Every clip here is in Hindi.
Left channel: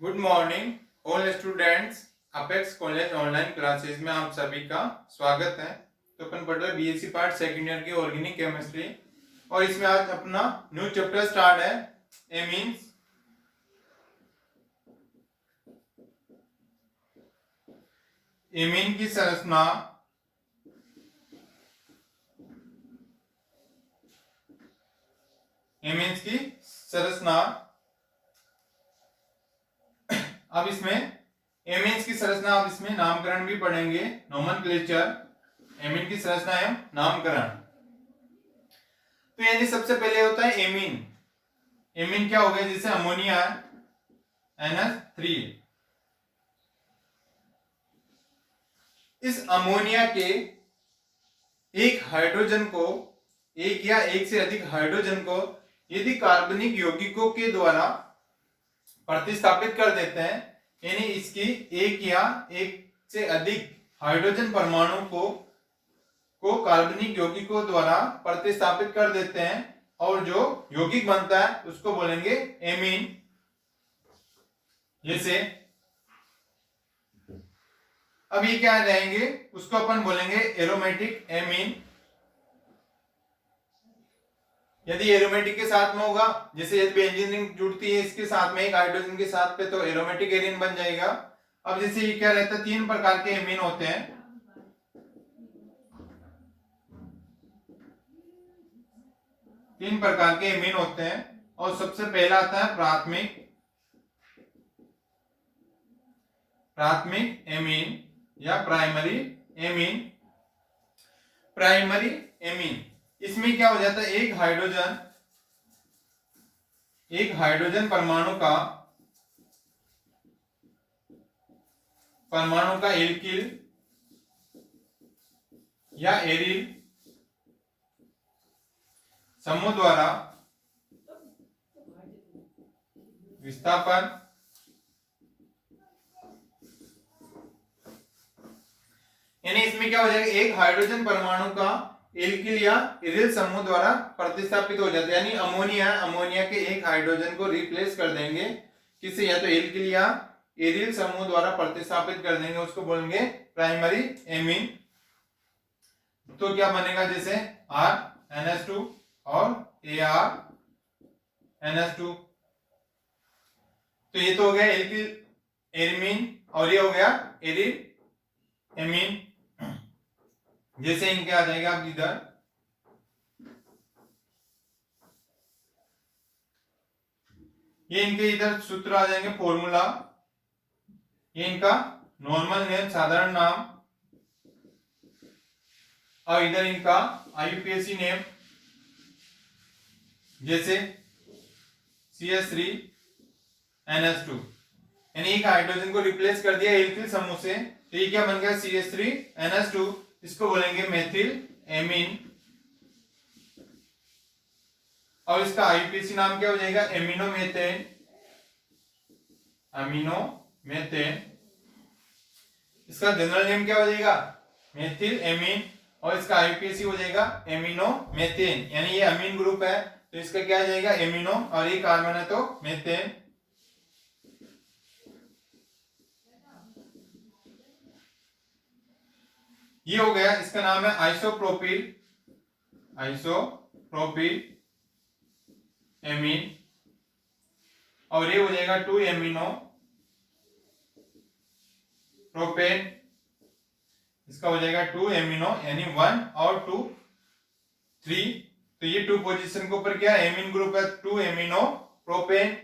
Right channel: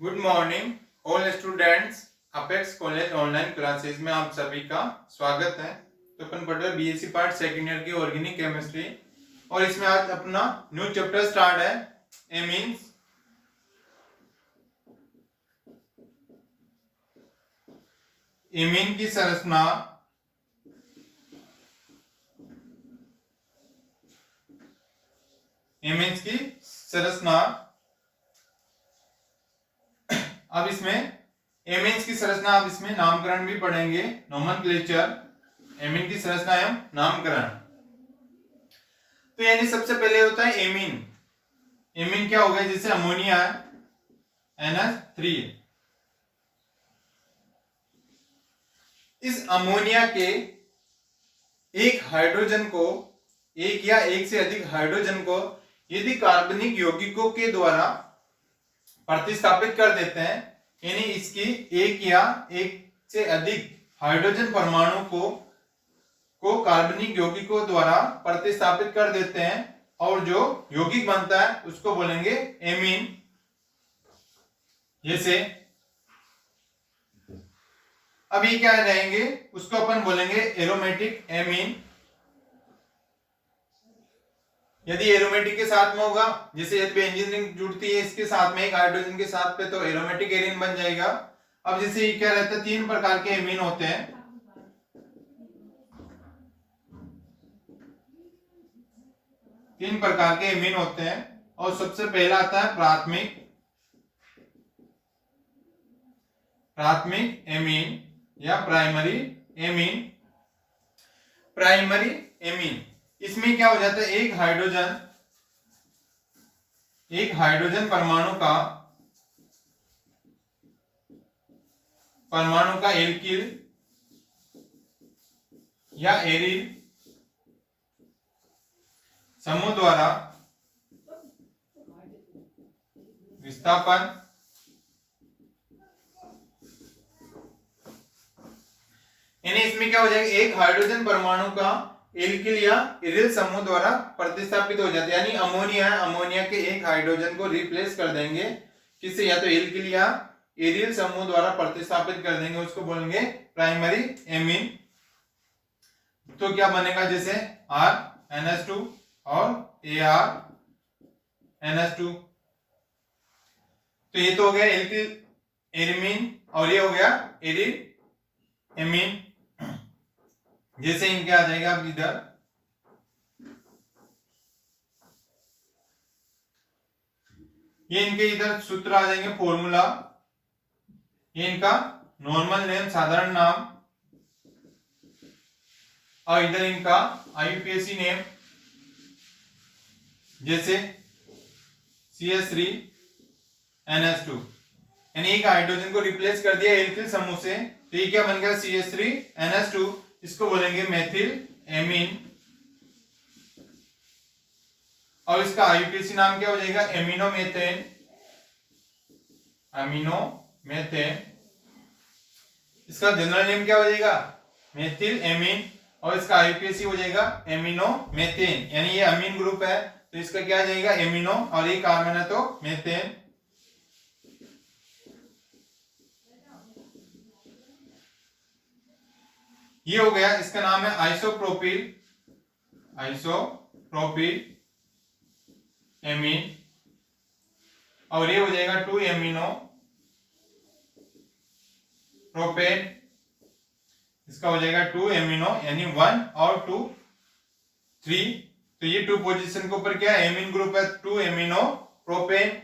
Good morning all students. Apex college online classes में आप सभी का स्वागत है। तो अपन पढ़ रहे बीएससी पार्ट सेकेंड ईयर की ऑर्गेनिक केमिस्ट्री और इसमें आज अपना न्यू चैप्टर स्टार्ट है एमीन्स। एमीन की संरचना, एमीन्स की संरचना। अब इसमें एमीन्स की संरचना, अब इसमें नामकरण भी पढ़ेंगे, नोमेनक्लेचर, एमीन की संरचना एवं नामकरण। तो यानी सबसे पहले होता है एमीन। एमीन क्या हो गया? जैसे अमोनिया NH3। इस अमोनिया के एक हाइड्रोजन को, एक या एक से अधिक हाइड्रोजन को यदि कार्बनिक यौगिकों के द्वारा प्रतिस्थापित कर देते हैं, यानी इसकी एक या एक से अधिक हाइड्रोजन परमाणु को कार्बनिक यौगिकों द्वारा प्रतिस्थापित कर देते हैं और जो यौगिक बनता है उसको बोलेंगे एमीन। जैसे अब ये क्या रहेंगे, उसको अपन बोलेंगे एरोमेटिक एमीन। यदि एरोमेटिक के साथ में होगा, जैसे यदि बेंजीन रिंग जुड़ती है इसके साथ में एक हाइड्रोजन के साथ पे, तो एरोमेटिक एरीन बन जाएगा। अब जैसे ये क्या रहता है, तीन प्रकार के एमीन होते हैं। तीन प्रकार के एमीन होते हैं और सबसे पहला आता है प्राथमिक एमीन या प्राइमरी एमीन। प्राइमरी एमीन, इसमें क्या हो जाता है, एक हाइड्रोजन परमाणु का एल्किल या एरिल समूह द्वारा विस्थापन, यानी इसमें क्या हो जाएगा, एक हाइड्रोजन परमाणु का एल्किल या एरिल समूह द्वारा प्रतिस्थापित हो जाता है। यानी अमोनिया के एक हाइड्रोजन को रिप्लेस कर देंगे किससे, या तो एल्किल या एरिल समूह द्वारा प्रतिस्थापित कर देंगे, उसको बोलेंगे प्राइमरी एमीन। तो क्या बनेगा, जैसे RNH2 और ArNH2। तो ये तो हो गया एल्किल एमीन और ये हो गया एरिल एमीन। जैसे इनके आ जाएगा अब इधर, ये इनके इधर सूत्र आ जाएंगे, फॉर्मूला, ये इनका नॉर्मल नेम, साधारण नाम, और इधर इनका IUPAC नेम, जैसे CH3NH2। यानी एक हाइड्रोजन को रिप्लेस कर दिया एल्किल समूह से, तो ये क्या बन गया, CH3NH2। इसको बोलेंगे मेथिल एमीन और इसका IUPAC नाम क्या हो जाएगा, एमिनोमेथेन। इसका जनरल नेम क्या हो जाएगा, मेथिल एमीन, और इसका IUPAC हो जाएगा एमिनोमेथेन। यानी ये अमीन ग्रुप है तो इसका क्या आ जाएगा, एमिनो, और ये कार्बन है तो मेथेन। ये हो गया, इसका नाम है आइसोप्रोपिल एमीन, और ये हो जाएगा 2 एमिनो प्रोपेन। इसका हो जाएगा 2 एमिनो, यानी 1 और 2 3। तो ये 2 पोजीशन के ऊपर क्या है, एमीन ग्रुप है, 2 एमिनो प्रोपेन,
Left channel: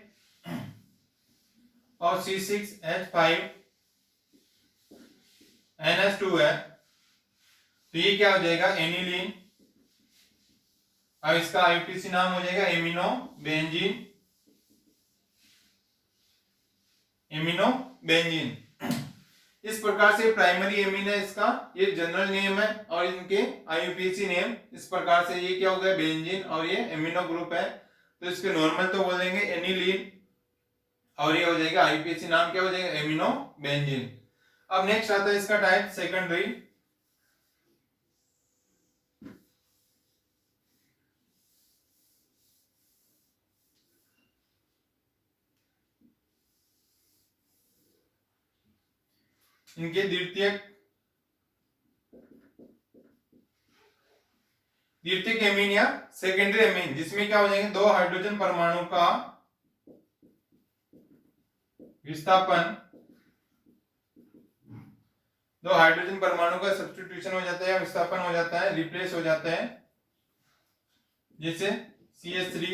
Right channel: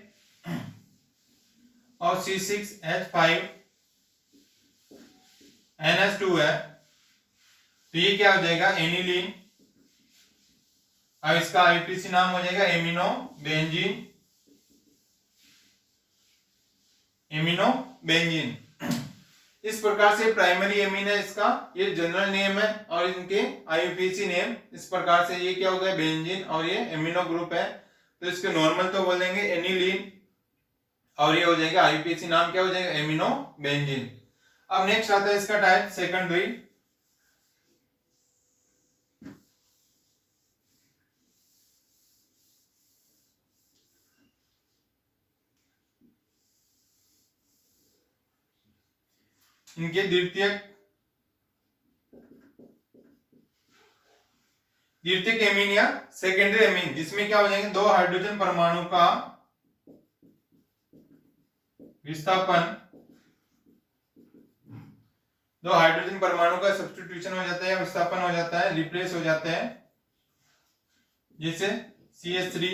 और C6H5NH2 है, तो ये क्या हो जाएगा, एनिलीन। अब इसका IUPAC नाम हो जाएगा एमिनो बेंजीन। इस प्रकार से प्राइमरी एमीन है, इसका ये जनरल नेम है, और इनके IUPAC नेम इस प्रकार से, ये क्या हो गया, बेंजीन, और ये एमिनो ग्रुप है, तो इसके नॉर्मल तो बोलेंगे एनिलीन, और ये हो जाएगा IUPAC नाम क्या हो जाएगा, एमिनो बेंजीन। अब नेक्स्ट आता है इसका टाइप सेकेंडरी। इनके द्वितीयक एमीन या सेकेंडरी एमीन, जिसमें क्या हो जाएंगे, दो हाइड्रोजन परमाणु का विस्थापन, दो हाइड्रोजन परमाणु का सब्स्टिट्यूशन हो जाता है, विस्थापन हो जाता है, रिप्लेस हो जाता है, जैसे CH3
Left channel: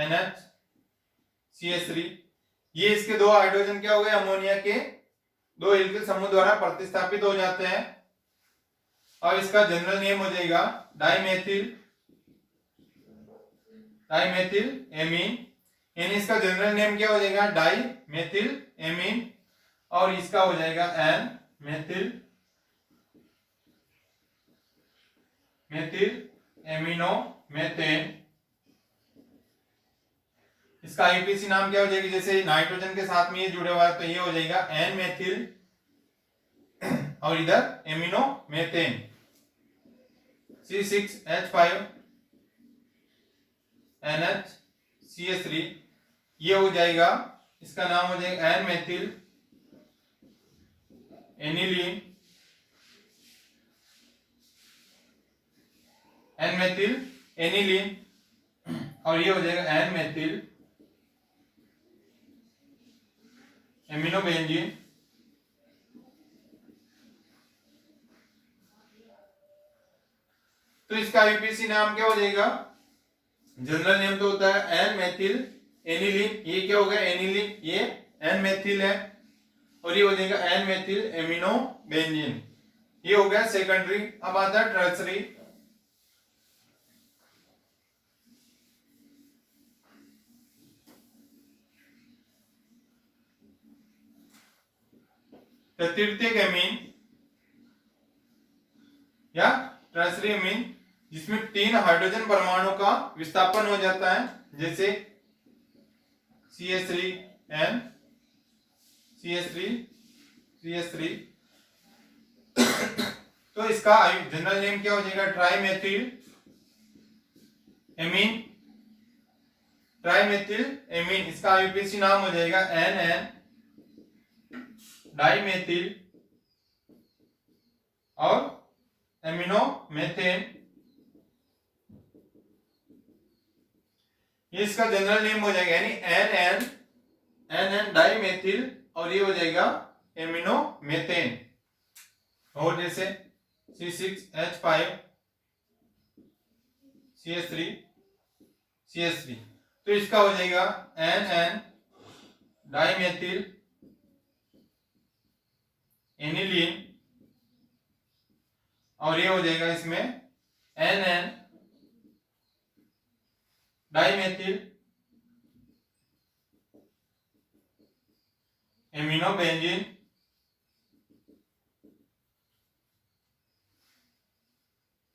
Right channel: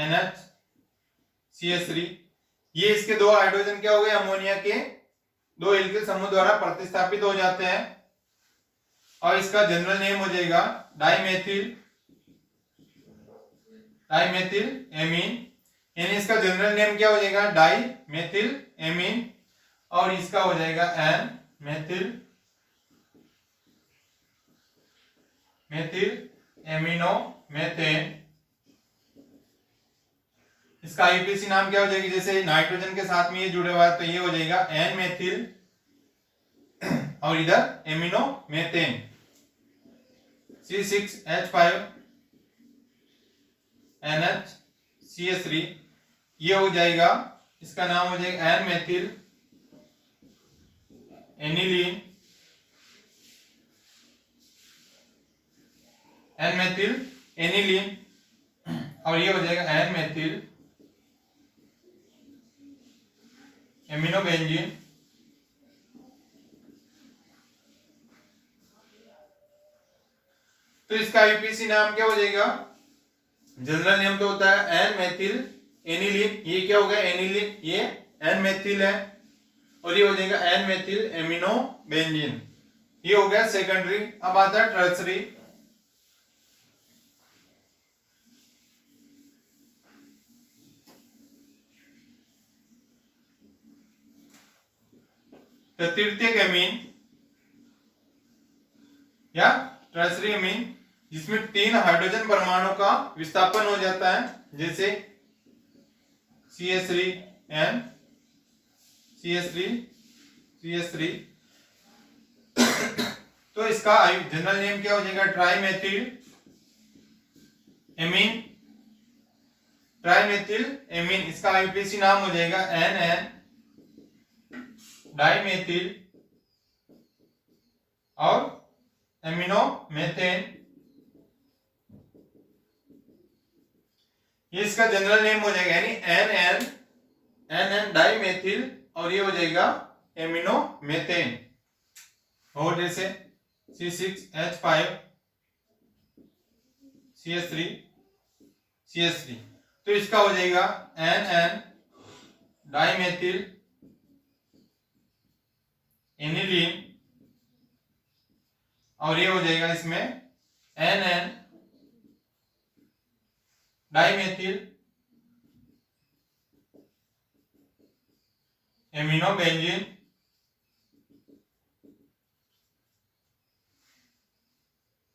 NH CH3। ये इसके दो हाइड्रोजन क्या हो गए, अमोनिया के दो एल्किल समूह द्वारा प्रतिस्थापित हो जाते हैं, और इसका जनरल नेम हो जाएगा डाइमेथिल एमीन। यानी इसका जनरल नेम क्या हो जाएगा, डाइमेथिल एमीन, और इसका हो जाएगा एन मेथिल एमिनो मेथेन। इसका आईयूपीएसी नाम क्या हो जाएगी, जैसे नाइट्रोजन के साथ में ये जुड़े हुआ है तो ये हो जाएगा एन मेथिल, और इधर एमिनो मेथेन C6H5 NHCH3, ये हो जाएगा, इसका नाम हो जाएगा एन मेथिल एनिलीन, और ये हो जाएगा एन मेथिल एमिनोबेंजीन। तो इसका आईयूपीएसी नाम क्या हो जाएगा, जनरल नेम तो होता है एन मेथिल एनिलीन, ये क्या हो गया एनिलीन, ये एन मेथिल है, और ये हो जाएगा एन मेथिल एमिनोबेंजीन, ये हो गया सेकेंडरी। अब आता है टर्सरी। तृतीयक एमीन या टर्सरी एमीन, जिसमें तीन हाइड्रोजन परमाणु का विस्थापन हो जाता है, जैसे CH3N CH3 तो इसका जनरल नेम क्या हो जाएगा, ट्राइमेथिल एमीन। इसका आईयूपीएसी नाम हो जाएगा NN डाइमेथिल और एमिनोमेथेन। ये इसका जनरल नेम हो जाएगा, यानी NN डाइमेथिल, और ये हो जाएगा एमिनोमेथेन, और जैसे C6H5 CH3 तो इसका हो जाएगा NN डाइमेथिल एनिलीन, और ये हो जाएगा इसमें NN डाइमेथिल एमिनोबेंजीन।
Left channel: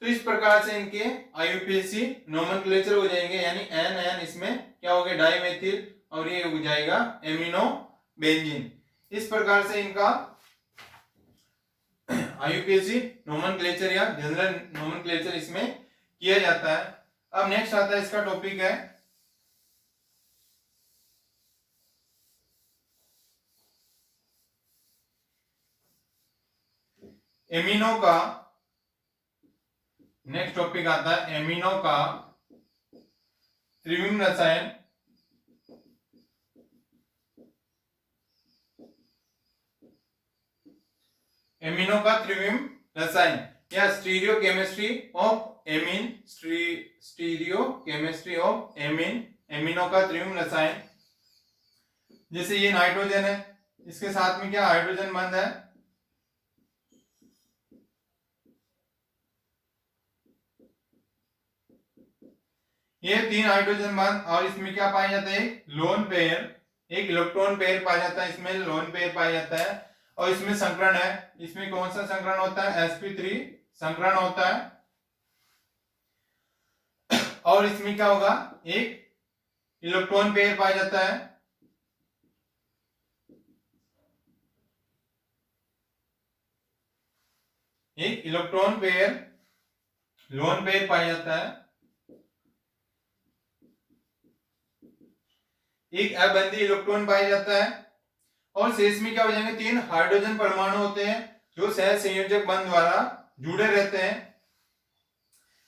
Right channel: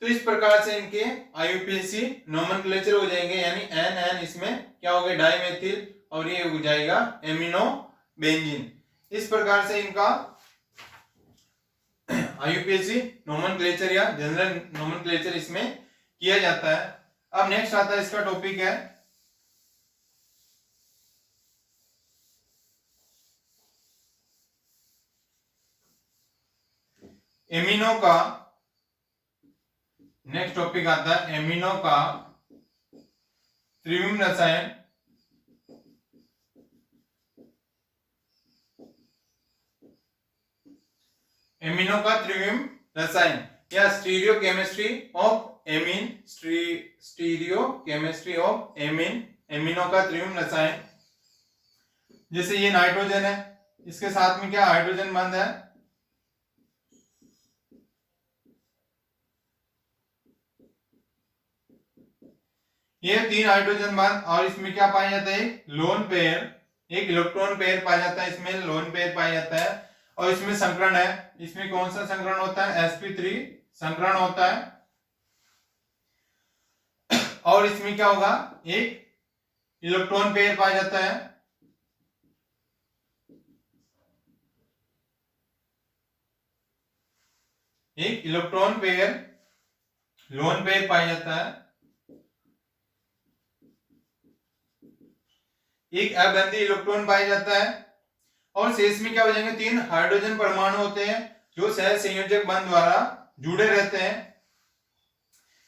तो इस प्रकार से इनके आईयूपीएसी नोमेनक्लेचर हो जाएंगे, यानी NN इसमें क्या हो गया, डाइमेथिल, और ये हो जाएगा एमिनोबेंजीन। इस प्रकार से इनका आईयूपीएसी नोमेनक्लेचर या जनरल नोमेनक्लेचर इसमें किया जाता है। अब नेक्स्ट आता है, इसका टॉपिक है एमिनो का। नेक्स्ट टॉपिक आता है एमिनो का त्रिविम रसायन। एमिनो का त्रिविम रसायन या स्टीरियोकेमिस्ट्री ऑफ एमीन, एमिनो का त्रिविम रसायन। जैसे ये नाइट्रोजन है, इसके साथ में क्या हाइड्रोजन बंध है, ये तीन हाइड्रोजन बंध, और इसमें क्या पाया जाता है, लोन पेयर, एक इलेक्ट्रॉन पेयर पाया जाता है, इसमें लोन पेयर पाया जाता है, और इसमें संकरण है। इसमें कौन सा संकरण होता है, sp3 संकरण होता है, और इसमें क्या होगा, एक इलेक्ट्रॉन पेयर पाया जाता है, एक इलेक्ट्रॉन पेयर लोन पेयर पाया जाता है, एक अबंधी इलेक्ट्रॉन पाया जाता है, और शेष में क्या हो जाएंगे, 3 हाइड्रोजन परमाणु होते हैं जो सह संयोजक बंध द्वारा जुड़े रहते हैं।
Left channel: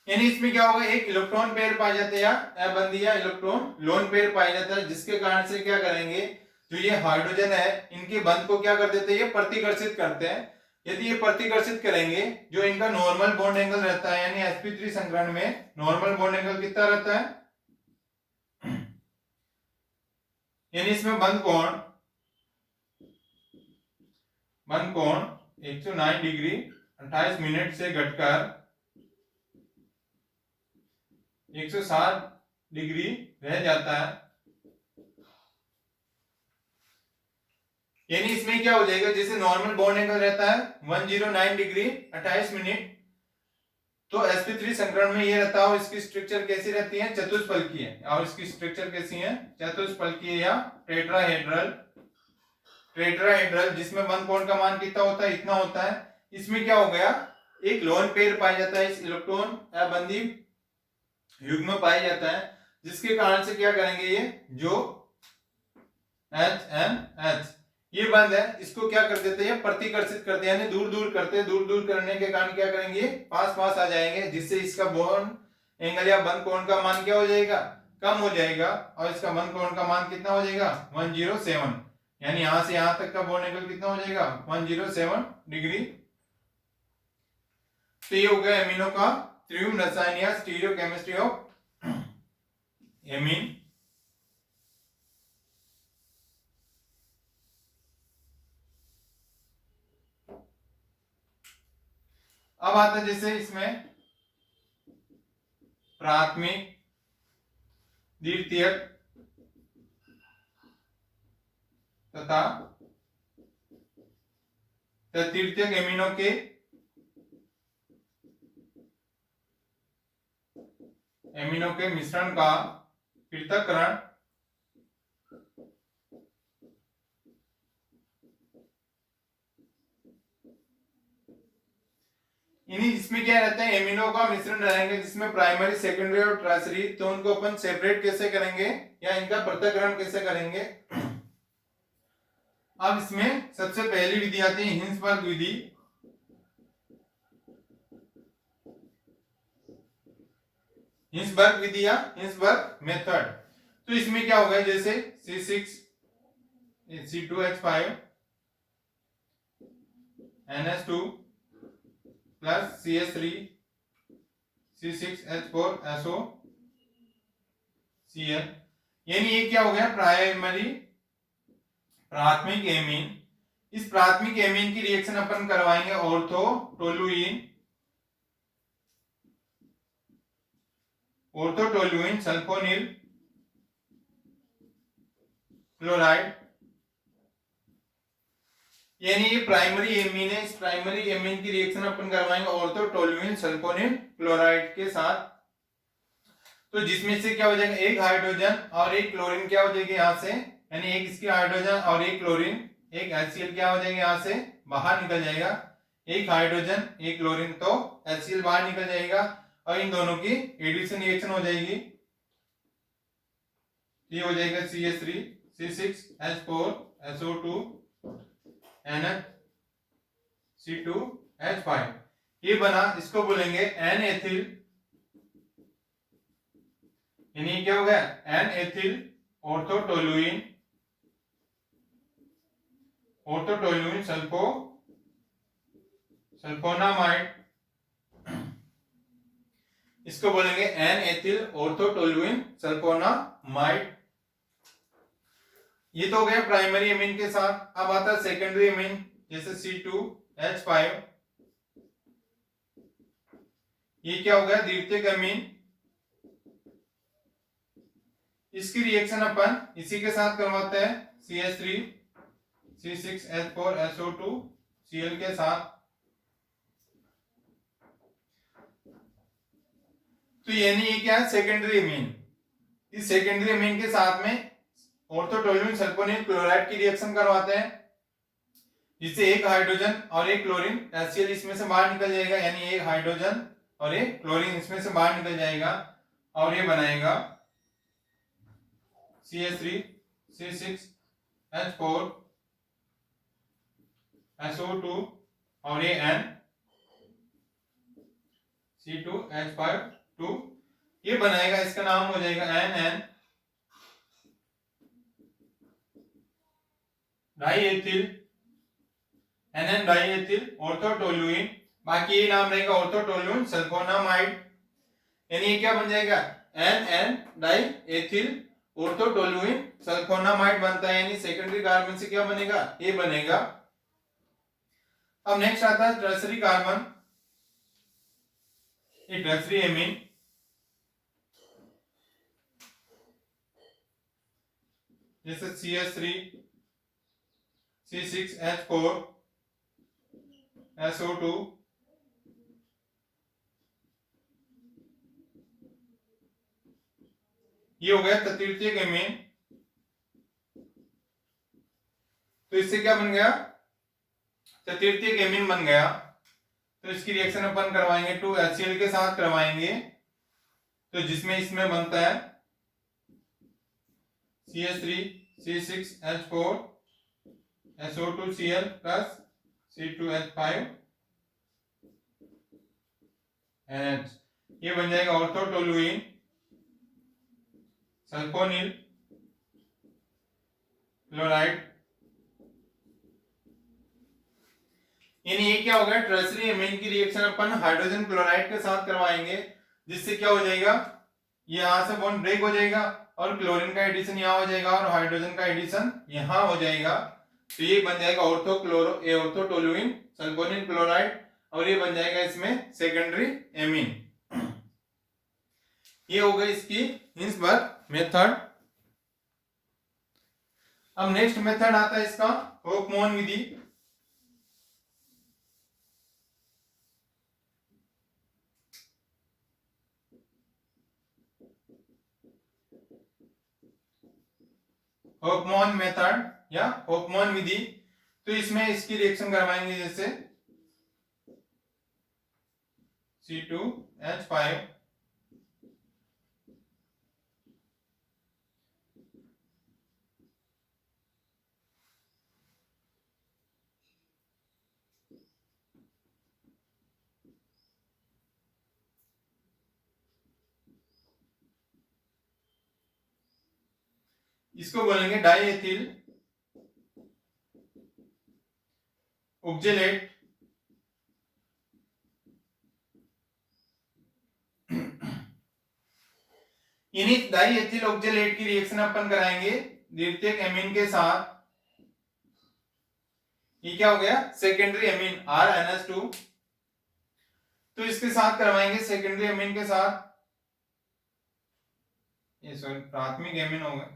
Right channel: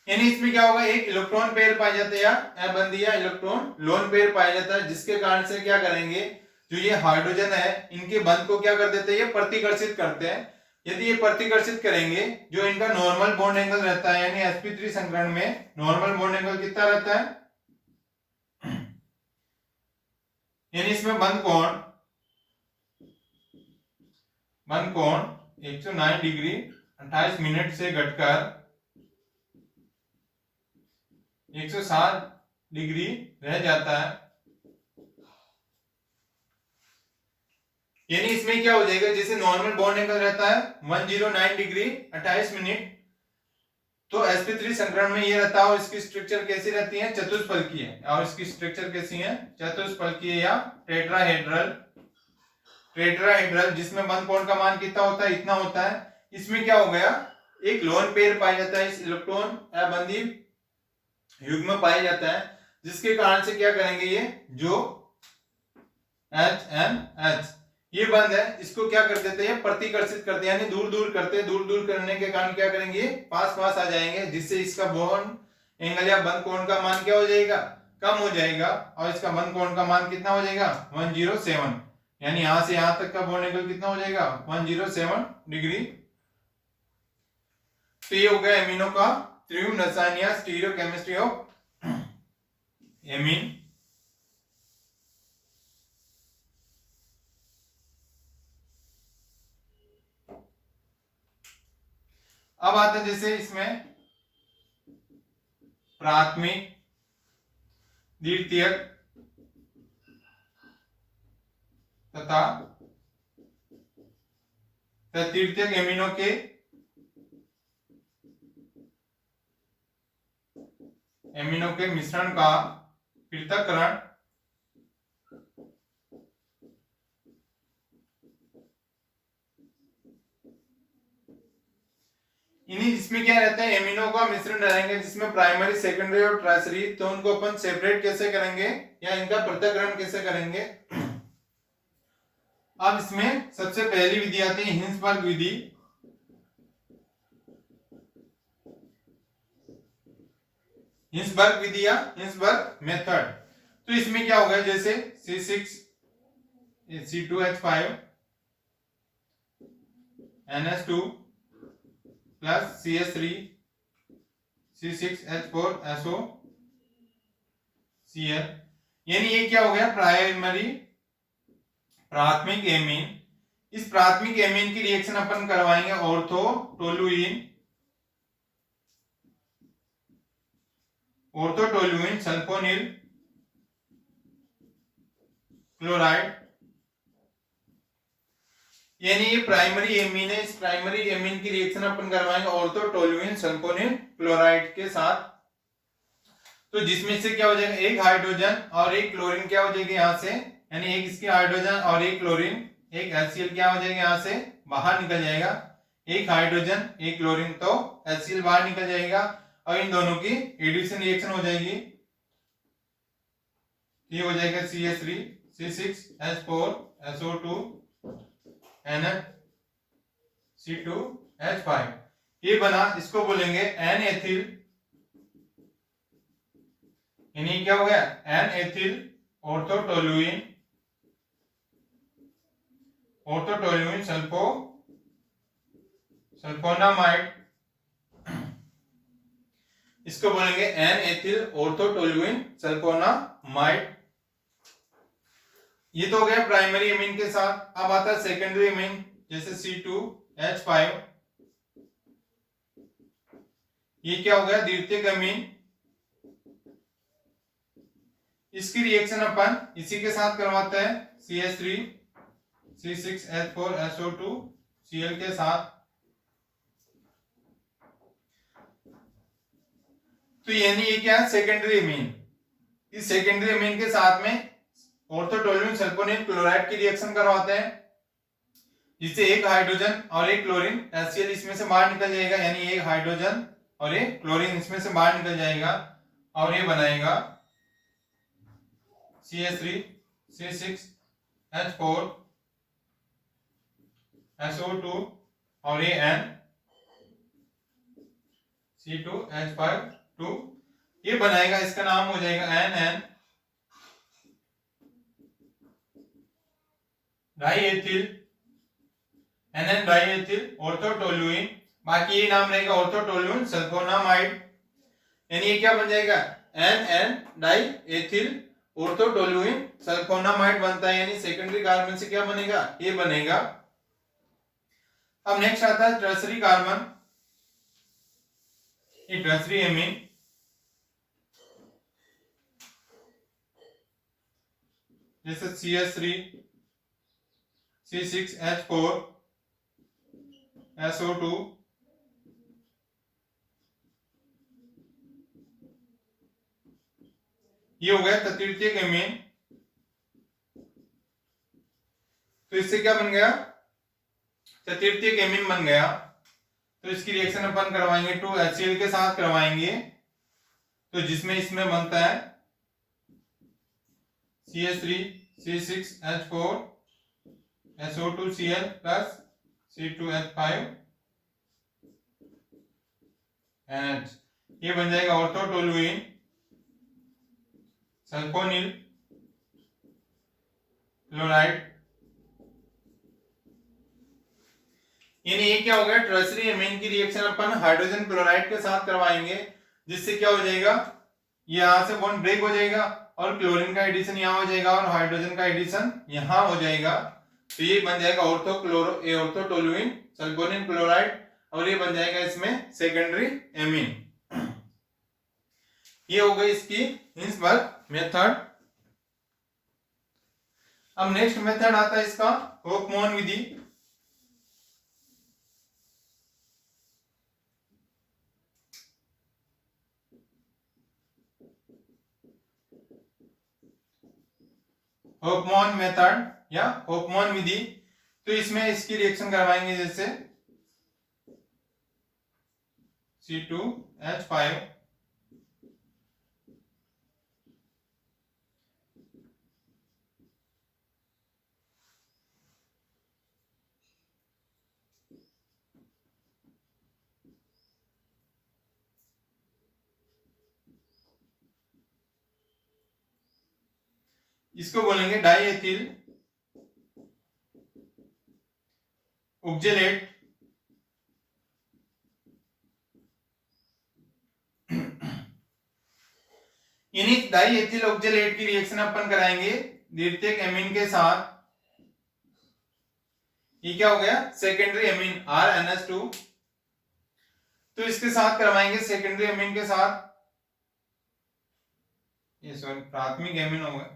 यानी इसमें क्या होगा, एक इलेक्ट्रॉन पेयर पाया जाता है या अबंधीय इलेक्ट्रॉन लोन पेयर पाया जाता है, जिसके कारण से क्या करेंगे, जो ये हाइड्रोजन है इनके बंध को क्या कर देते हैं, ये प्रतिकर्षित करते हैं। यदि ये प्रतिकर्षित करेंगे, जो इनका नॉर्मल बॉन्ड एंगल रहता है, यानी sp3 संकरण में नॉर्मल बॉन्ड एंगल कितना रहता है, यानी इसमें बंध कोण 109 डिग्री 28 मिनट से घटकर 107 डिग्री रह जाता है। यानी इसमें क्या हो जाएगा, जैसे नॉर्मल बॉन्ड एंगल रहता है 109 डिग्री 28 मिनट, तो sp3 संकरण में ये रहता है और इसकी स्ट्रक्चर कैसी रहती है, चतुष्फलकीय, और इसकी स्ट्रक्चर कैसी है, चतुष्फलकीय या टेट्राहेड्रल, जिसमें बंध कोण का मान कितना होता है, इतना होता है। इसमें क्या हो गया, एक लोन पेयर पाया जाता है, इस इलेक्ट्रॉन अबंधी युग्म पाया जाता है, जिसके कारण से क्या करेंगे, ये जो HNH ये बंध है इसको क्या कर देते हैं, प्रतिकर्षित करते हैं, यानी दूर दूर करते हैं, दूर दूर करने के कारण क्या करेंगे, पास पास आ जाएंगे, जिससे इसका बॉन्ड एंगल या बंध कोण का मान क्या हो जाएगा, कम हो जाएगा, और इसका बंध कोण का मान कितना हो जाएगा, 107, यानी यहां से यहां तक का बॉन्ड एंगल कितना हो जाएगा, 107 डिग्री। तो ये हो गया एमिनो का त्रिविम रसायन या स्टीरियोकेमिस्ट्री ऑफ एमीन। अब आता है जैसे इसमें प्राथमिक, द्वितीयक तथा तृतीयक एमिनो के मिश्रण का पृथक्करण इसमें क्या रहता है, एमिनो का मिश्रण रहेंगे जिसमें प्राइमरी, सेकेंडरी और टर्शियरी, तो उनको अपन सेपरेट कैसे करेंगे या इनका पृथक्करण कैसे करेंगे। अब इसमें सबसे पहली विधि आती है हिंसबर्ग विधि। हिंसबर्ग विधि या हिंसबर्ग मेथड। तो इसमें क्या होगा, जैसे C6C2H5 NH2 plus CH3 C6H4SO Cl, यानी ये क्या हो गया, प्राथमिक एमीन। इस प्राथमिक एमीन की रिएक्शन अपन करवाएंगे ऑर्थोटोलुइन सल्फोनिल क्लोराइड, यानी ये प्राइमरी एमीन है, इस प्राइमरी एमीन की रिएक्शन अपन करवाएंगे ऑर्थोटोलुइन सल्फोनिल क्लोराइड के साथ। तो जिसमें से क्या हो जाएगा, एक हाइड्रोजन और एक क्लोरीन क्या हो जाएगी यहां से, यानी एक इसकी हाइड्रोजन और एक क्लोरीन, एक HCl क्या हो जाएगा यहां से बाहर निकल जाएगा, एक हाइड्रोजन एक क्लोरीन, तो HCl बाहर निकल जाएगा और इन दोनों की एडिशन रिएक्शन हो जाएगी, ये हो जाएगा CH3 C6H4SO2 NH2H5, ये बना, इसको बोलेंगे N-एथिल, यानी क्या हो गया, N-एथिल ऑर्थोटोलुइन सल्फोनामाइड, इसको बोलेंगे N-एथिल ऑर्थोटोलुइन सल्फोनामाइड। ये तो हो गया प्राइमरी एमीन के साथ। अब आता है सेकेंडरी एमीन, जैसे C2H5, ये क्या हो गया, द्वितीयक एमीन। इसकी रिएक्शन अपन इसी के साथ करवाते हैं CH3 C6H4SO2 Cl के साथ। तो यानी ये क्या है, सेकेंडरी एमीन। इस सेकेंडरी एमीन के साथ में ऑर्थोटोलुइन सल्फोनिल क्लोराइड की रिएक्शन करवाते हैं, जिससे एक हाइड्रोजन और एक क्लोरीन HCl इसमें से बाहर निकल जाएगा, यानी एक हाइड्रोजन और एक क्लोरीन इसमें से बाहर निकल जाएगा और ये बनाएगा CH3 C6H4 SO2 और ये N C2H5 ये बनाएगा, इसका नाम हो जाएगा NN डाइएथिल, NN डाइएथिल ऑर्थोटोलुइन, बाकी ये नाम रहेगा ऑर्थोटोलुइन सल्फोनामाइड। यानी ये क्या बन जाएगा, NN डाइएथिल ऑर्थोटोलुइन सल्फोनामाइड बनता है, यानी सेकेंडरी कार्बन से क्या बनेगा, ये बनेगा। अब नेक्स्ट आता है टर्सरी कार्बन, ये टर्सरी एमीन, जैसे CH3 C6H4 SO2 ये हो गया तृतीयक एमीन। तो इससे क्या बन गया, तृतीयक एमीन बन गया। तो इसकी रिएक्शन अपन करवाएंगे 2HCl के साथ करवाएंगे, तो जिसमें इसमें बनता है CH3 C6H4 SO2Cl plus C2H5 NH, ये बन जाएगा ऑर्थोटोलुइन सल्फोनिल क्लोराइड। यानी ये क्या हो गया, टर्सरी एमीन की रिएक्शन अपन हाइड्रोजन क्लोराइड के साथ करवाएंगे, जिससे क्या हो जाएगा, ये यहां से बॉन्ड ब्रेक हो जाएगा और क्लोरीन का एडिशन यहाँ हो जाएगा और हाइड्रोजन का एडिशन यहाँ हो जाएगा। तो ये बन जाएगा ऑर्थोटोलुइन सल्फोनिल क्लोराइड, और ये बन जाएगा इसमें सेकेंडरी एमीन। ये हो गई इसकी हिंसबर्ग मेथड। अब नेक्स्ट मेथड आता है इसका होफमैन विधि। होफमैन मेथड या होफमैन विधि, तो इसमें इसकी रिएक्शन करवाएंगे, जैसे C2H5 इसको बोलेंगे डाइएथिल ऑक्जेलेट, यानी डाइएथिल ऑक्जेलेट की रिएक्शन अपन कराएंगे द्वितीयक एमीन के साथ। ये क्या हो गया, सेकेंडरी एमीन RNH2, तो इसके साथ करवाएंगे सेकेंडरी एमीन के साथ, ये सॉरी प्राथमिक एमीन हो गया,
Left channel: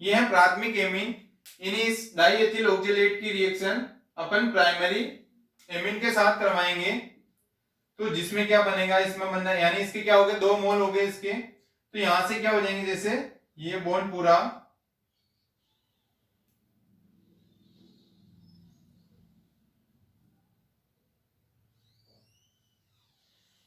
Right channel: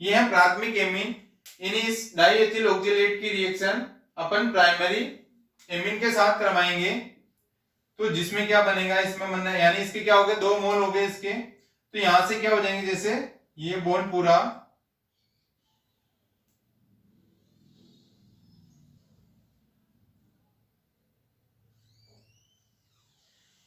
ये है प्राथमिक एमीन। यानी इस डाइएथिल ऑक्जेलेट की रिएक्शन अपन प्राइमरी एमीन के साथ करवाएंगे, तो जिसमें क्या बनेगा, इसमें बनना यानी इसके क्या हो गए, 2 मोल हो गए इसके, तो यहां से क्या हो जाएंगे, जैसे ये बॉन्ड पूरा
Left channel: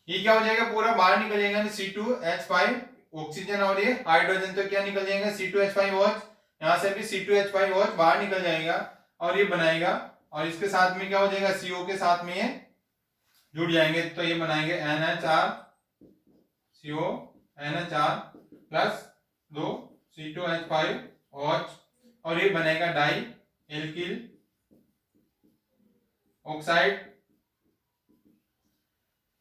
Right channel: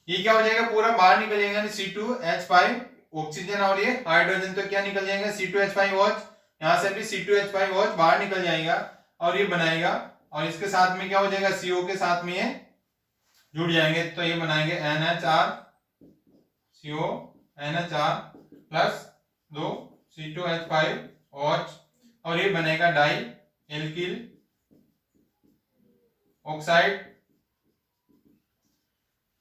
ये क्या हो जाएगा, पूरा बाहर निकल जाएगा, C2H5 ऑक्सीजन और ये हाइड्रोजन, तो क्या निकल जाएगा C2H5OH, यहां से भी C2H5OH बाहर निकल जाएगा और ये बनाएगा, और इसके साथ में क्या हो जाएगा, CO के साथ में ये जुड़ जाएंगे, तो ये बनाएंगे NHR CO NHR plus 2 C2H5OH, और ये बनेगा डाई एल्किल ऑक्साइड,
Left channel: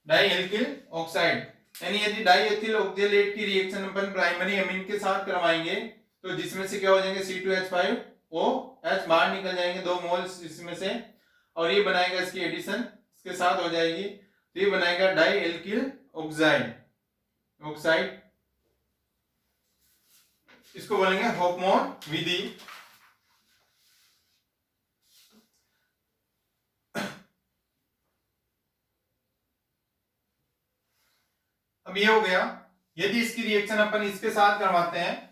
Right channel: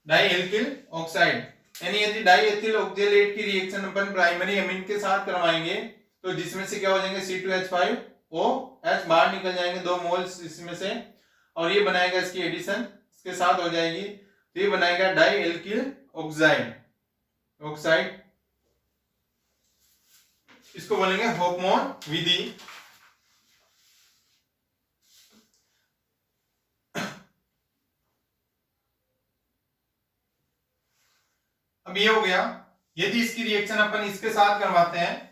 डाइएल्किल ऑक्साइड। यानी यदि डाइएथिल ऑक्जेलेट की रिएक्शन अपन प्राइमरी एमीन के साथ करवाएंगे, तो जिसमें से क्या हो जाएंगे, C2H5OH बाहर निकल जाएंगे, 2 मोल्स इसमें से, और ये बनाएगा इसकी एडिशन इसके साथ हो जाएगी, तो ये बनाएगा डाइएल्किल ऑक्साइड, इसको बोलेंगे होफमैन विधि। अब ये हो गया, यदि इसकी रिएक्शन अपन इसके साथ करवाते हैं,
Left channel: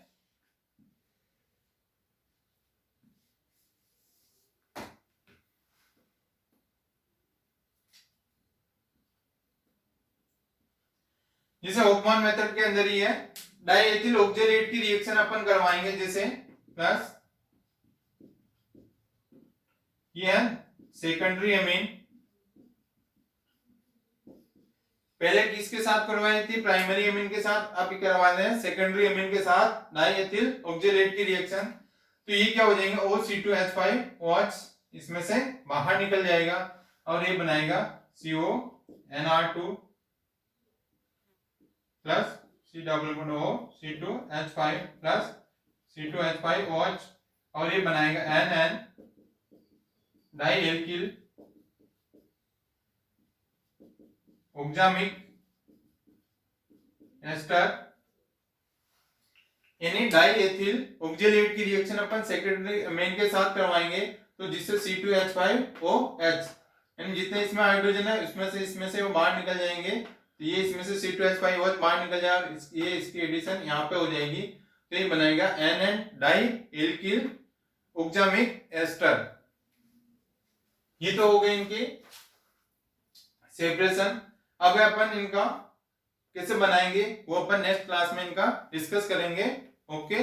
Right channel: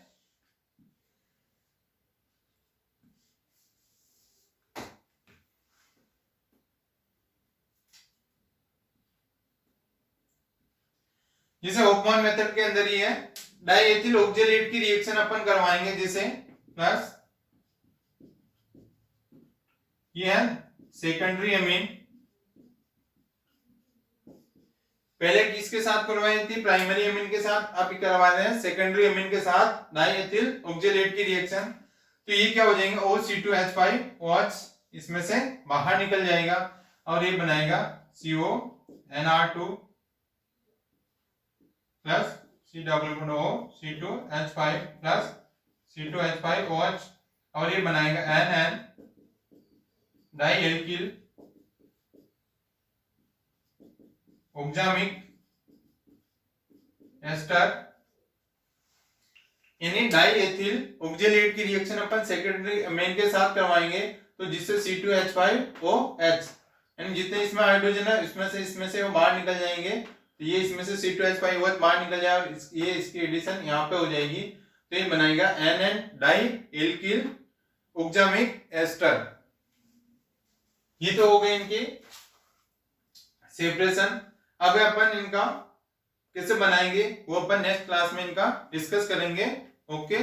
जैसे होफमैन मेथड के अंदर ही है, डाइएथिल ऑक्जेलेट की रिएक्शन अपन करवाएंगे, जैसे प्लस ये है सेकेंडरी अमीन। पहले किसके साथ करवाई थी? प्राइमरी अमीन के साथ। अब करवा रहे हैं सेकेंडरी अमीन के साथ डाइएथिल ऑक्जेलेट की रिएक्शन। तो ये क्या हो जाएंगे? OC2H5 OH इसमें से बाहर निकल जाएगा और ये बनाएगा CONR2 plus C2H5 plus C2H5OH और ये बनाएगा NN डाइएल्किल ऑक्जामिक एस्टर। यानी डाइएथिल ऑक्जेलेट की रिएक्शन अपन सेकेंडरी अमीन के साथ करवाएंगे तो जिससे C2H5OH यानी जितने इसमें हाइड्रोजन है इसमें से वो बाहर निकल जाएंगे। तो ये इसमें से C2H5OH बाहर निकल जाएगा, ये इसकी एडिशन यहाँ पे हो जाएगी। तो ये बनाएगा NN डाइएल्किल ऑक्जामिक एस्टर। ये तो हो गए इनकी सेपरेशन। अब अपन इनका कैसे बनाएंगे वो अपन नेक्स्ट क्लास में इनका डिस्कस करेंगे। ओके।